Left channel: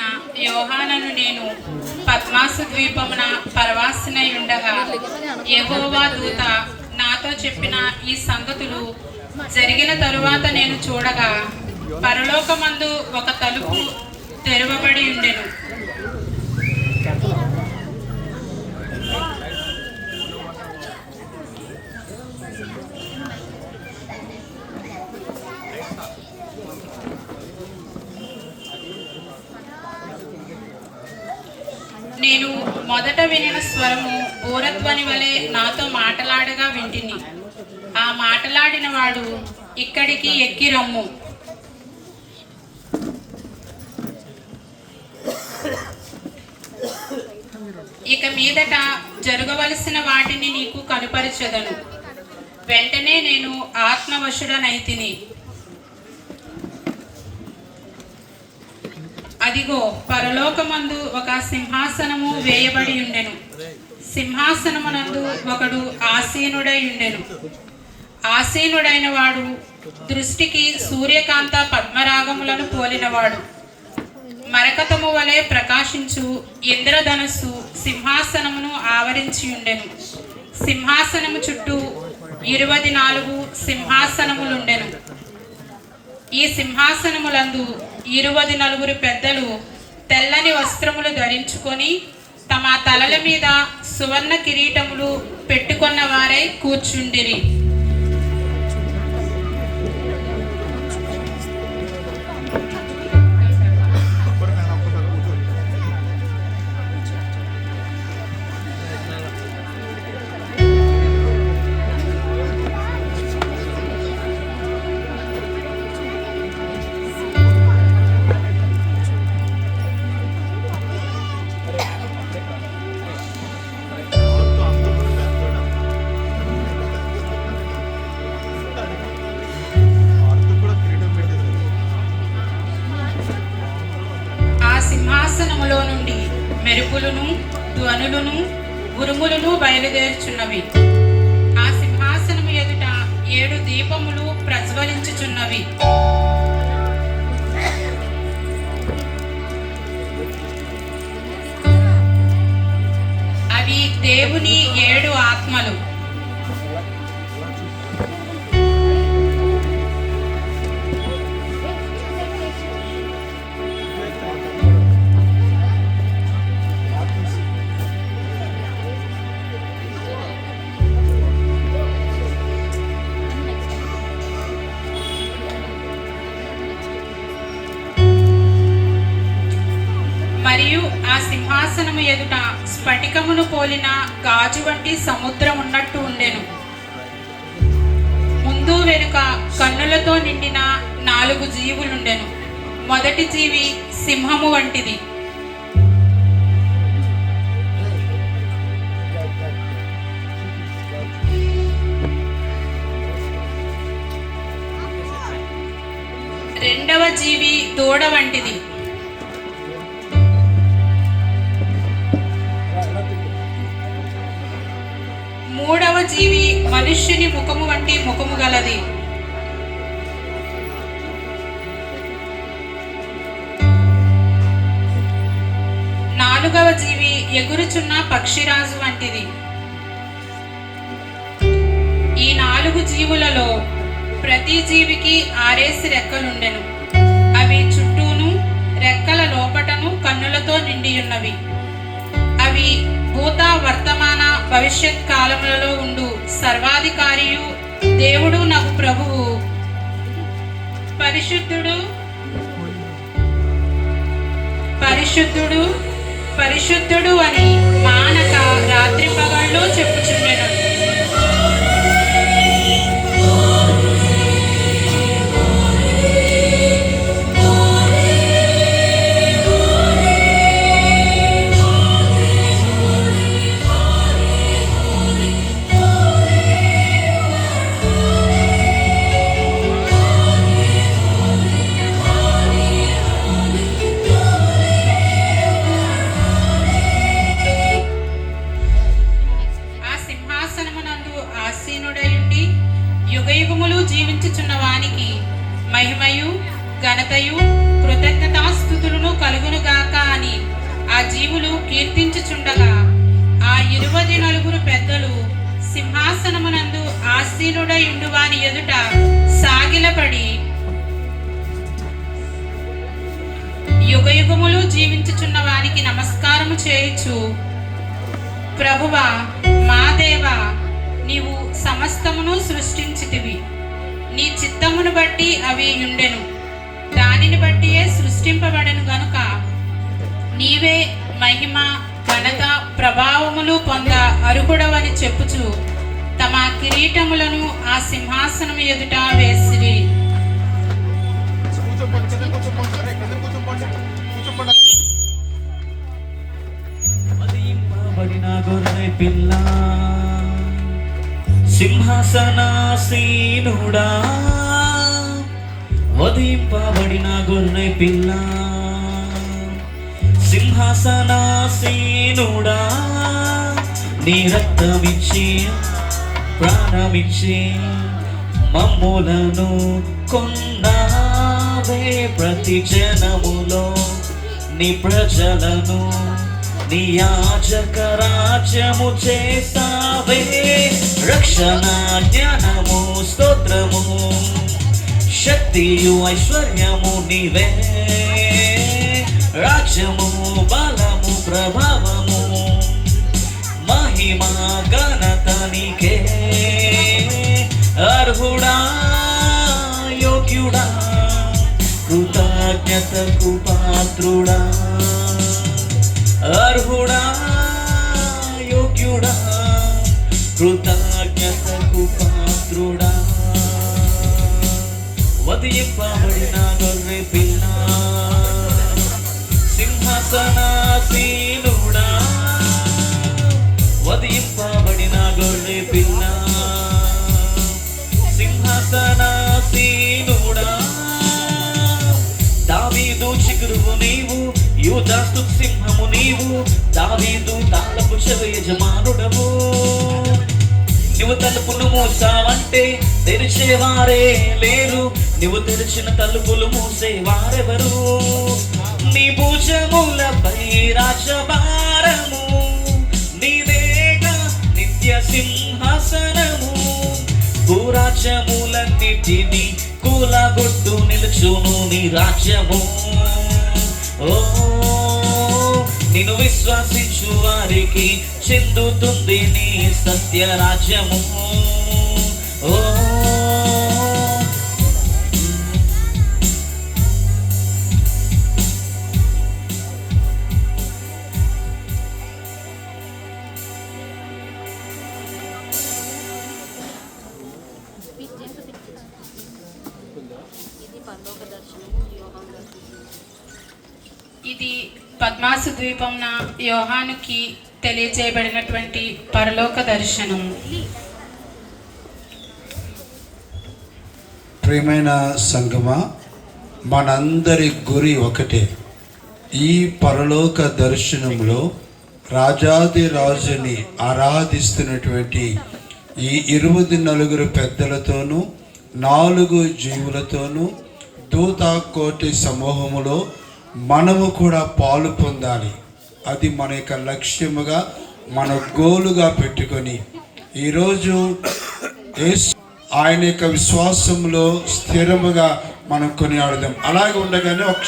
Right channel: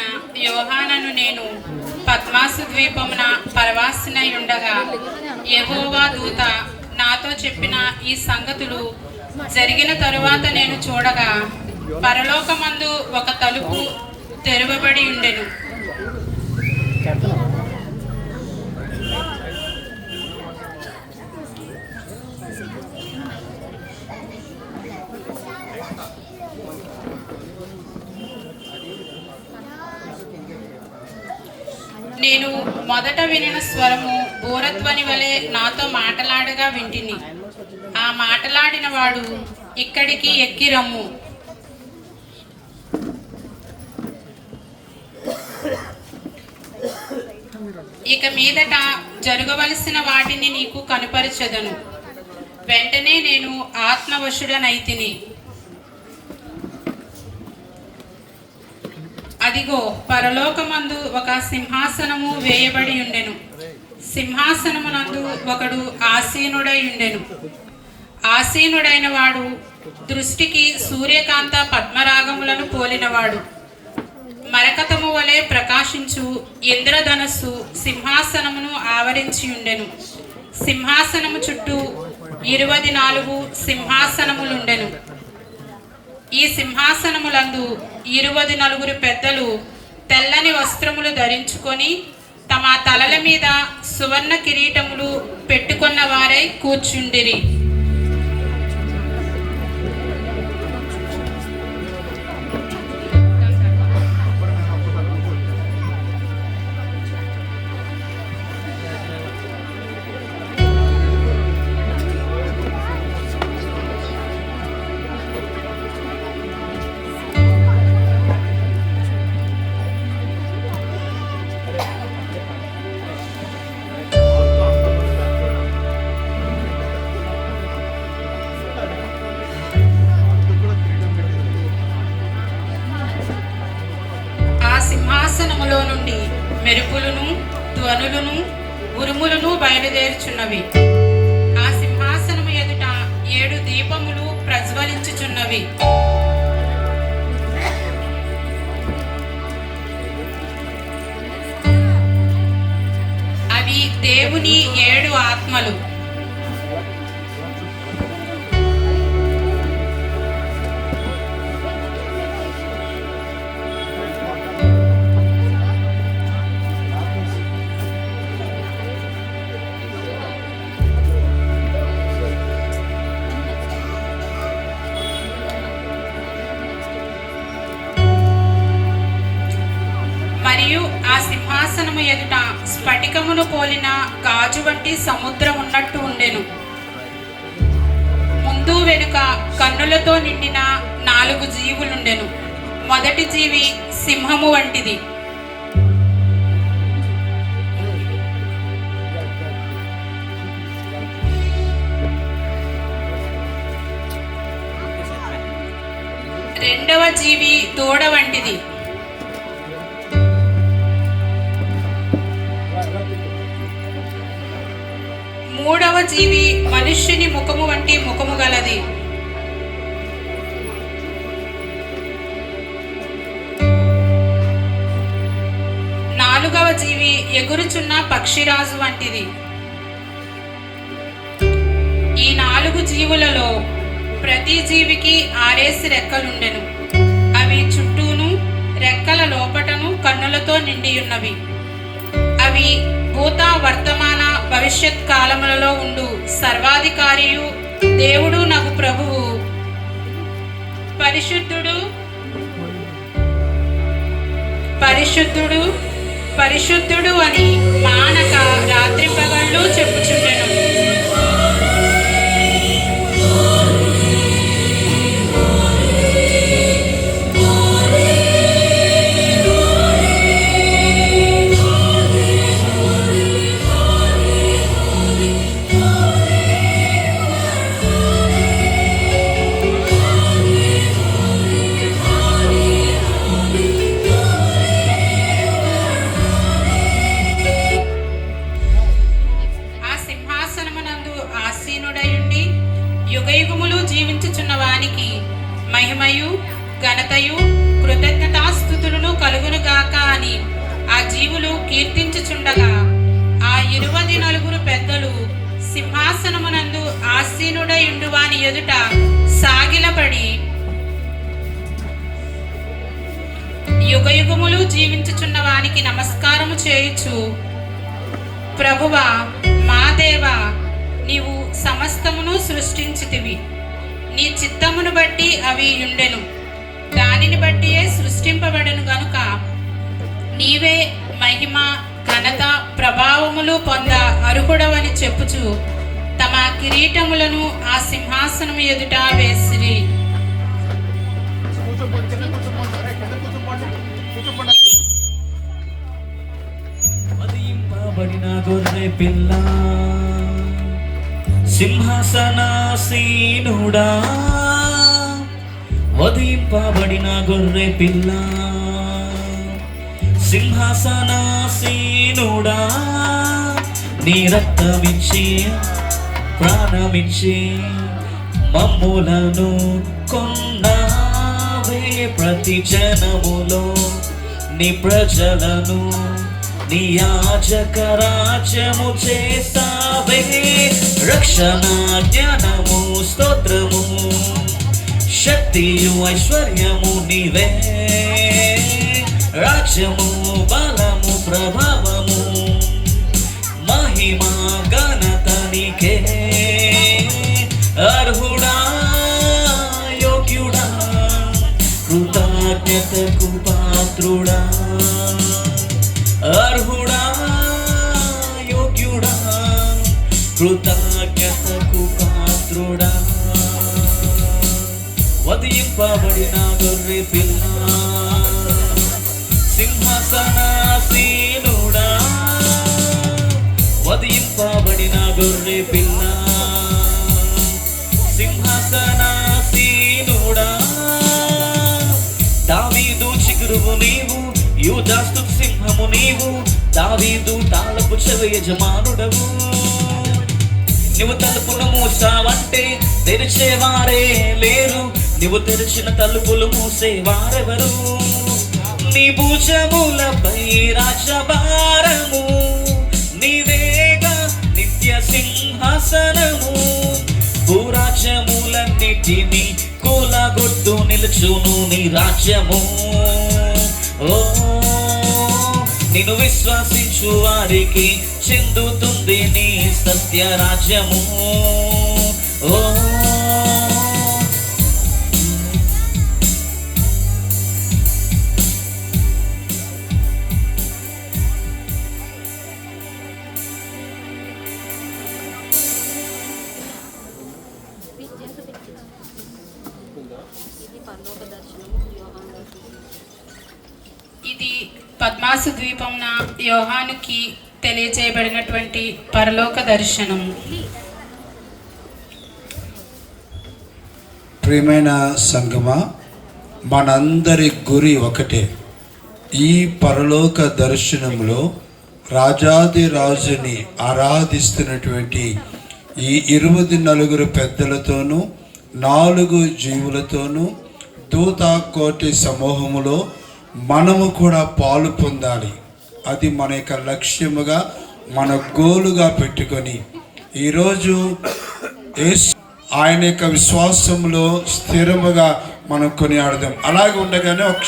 అయిన యోహానను నేను పద్మాసు ద్వీపమున పరవాసినై ఉండగా యెహోవా దూత నాతో చెప్పిన ఈ సంగతులు జరిగిన తరువాత నేను చూడగా పరలోకమందు ఒక తలుపు తెరవబడి ఉండెను. నేను మొదట వినిన స్వరము బూరధ్వని వలె నాతో మాటలాడగా వింటిని. ఆ మాటలాడిన వాడు, ఇక్కడికి ఎక్కి రమ్ము, ఇక మీదట జరగవలసిన వాటిని నీకు కనుపరచెదను. వెంటనే నేను ఆత్మవశుడనైతిని. అదిగో, పరలోకమందు ఒక సింహాసనము వేయబడి ఉండెను. సింహాసనమునందు ఒకడు ఆసీనుడై ఉండెను. ఆసీనుడైన వాడు దృష్టికి సూర్యకాంత పద్మరాగములను పోలినవాడు. మరకతము వలె ప్రకాశించు ఇంద్రధనస్సు సింహాసనమును ఆవరించి ఉండెను. సింహాసనము చుట్టూ 24 సింహాసనములుండెను. ఈ సింహాసనములందు 24 పెద్దలు తెల్లని వస్త్రములు ధరించుకొని తమ తలల మీద సువర్ణ కిరీటములు పెట్టుకున్న వారై కూర్చుండిరి. సింహాసనములో నుండి మెరుపులను, ధ్వనులను, ఉరుములను బయలుదేరుచున్నవి. ఆ సింహాసనము ఎదుట 7 దీపములు ప్రజ్వలించుచున్నవి. అవి దేవుని 7 ఆత్మలు. ఆ సింహాసనము ఎదుట స్ఫటికమును పోలిన గాజు వంటి సముద్రం ఉన్నట్టు ఉండెను. ముందు వెనుక కన్నులతో నిండిన 4 జీవులుండెను. మొదటి జీవి సింహము వంటిది. రెండవ జీవి దూడ వంటిది. మూడవ జీవి మనుష్యుని ముఖము వంటి ముఖము గలది. నాలుగవ జీవి ఎగురుచున్న పక్షిరాజు వంటిది. ఈ 4 జీవులలో ప్రతి జీవికి 6 రెక్కలుండెను. అవి చుట్టూను రెక్కల లోపటను కన్నులతో నిండి ఉన్నవి. అవి భూత, వర్తమాన, భవిష్యత్ కాలములలో ఉండు సర్వాధికారియు దేవుడు నాకు ప్రభువు, పరిశుద్ధుడు పరిశుద్ధుడు పరిశుద్ధుడు అని మానక రాత్రి పగళ్ళు చెప్పుచుండెను. యుగయుగములు జీవించుచున్న వానికి నమస్కారము చేయుచు, ప్రభువా మా దేవా, నీవు సమస్తమును సృష్టించితివి. నీ చిత్తమును బట్టి అవి ఉండెను, దానిని బట్టియే సృష్టింపబడెను గనుక నీవే మహిమ ఘనత ప్రభావములు పొంద అర్హుడవని చెప్పుచు తమ కిరీటములను ఆ సింహాసనం ఎదుట వేసిరి. సింహాసనాసీనుడా, వధింపబడిన గొర్రె పిల్ల, సింహాసనాసీనుడా, నీ రక్తమిచ్చి ప్రాణమిచ్చి మమ్ములను కొన్నావే. ప్రతి జనములో నీ ప్రజలను నీ యాజక రాజ్యము చేస్తావే. రక్షణ జ్ఞానము స్తోత్రము శక్తియు ఐశ్వర్యము నీవే. రాజ్యము బలము ప్రభావము మహిమ ఘనత నీకే. అర్హుడా యోగ్యుడా కృతజ్ఞతకు పాత్రుడా. అర్హుడా యోగ్యుడా కృతజ్ఞతకు పాత్రుడా. వధింపబడిన గొర్రె పిల్ల, సింహాసనాసీనుడా, వధింపబడిన గొర్రె పిల్ల, సింహాసనాసీనుడా. దావీదు చిగురువు నీవు, యూదాస్తు సింహము నీవు, దావీదు తాళపు చెవి యజమానుడవు. నువ్వు తలుపును మూసావంటే తెరిచేవారే లేరు, నువ్వు తెరిచిన తలుపులు మూసేవారెవరు. నీ భుజములపై రాజభారము, నీదేగా నిత్య సింహాసనము. భూరాజ్యములన్నిటినీ కూలగొట్టు నిలుచును నీ రాజ్యము. ఓ నిన్ను విశ్వసించు వారికి చెందుతుంది నీ సత్య రాజ్యము. ఓ ఇది పద్మాసు ద్వీపమున యోహానుకి తెలియజేయబడినటువంటి పరలోక దర్శనము. ప్రియమైన సంగమా, మనందరి గురి ఒకటే. ఈ పరలోక దర్శనంలో రాజాది రాజుని ఆరాధిస్తున్నటువంటి ఈ 24 పెద్దలతోనూ 4 జీవులతోనూ దూత కోటి సమూహములో మనము కూడా పాలు పొందాలి. అది మన యొక్క లక్ష్యముగా మన గోలుగా పెట్టుకొని ఈరోజు ఆయన యొక్క విశ్వాసంలో స్థిరముగా మనం కొనియాడదాం. అలాగే ఉండగానే ఒక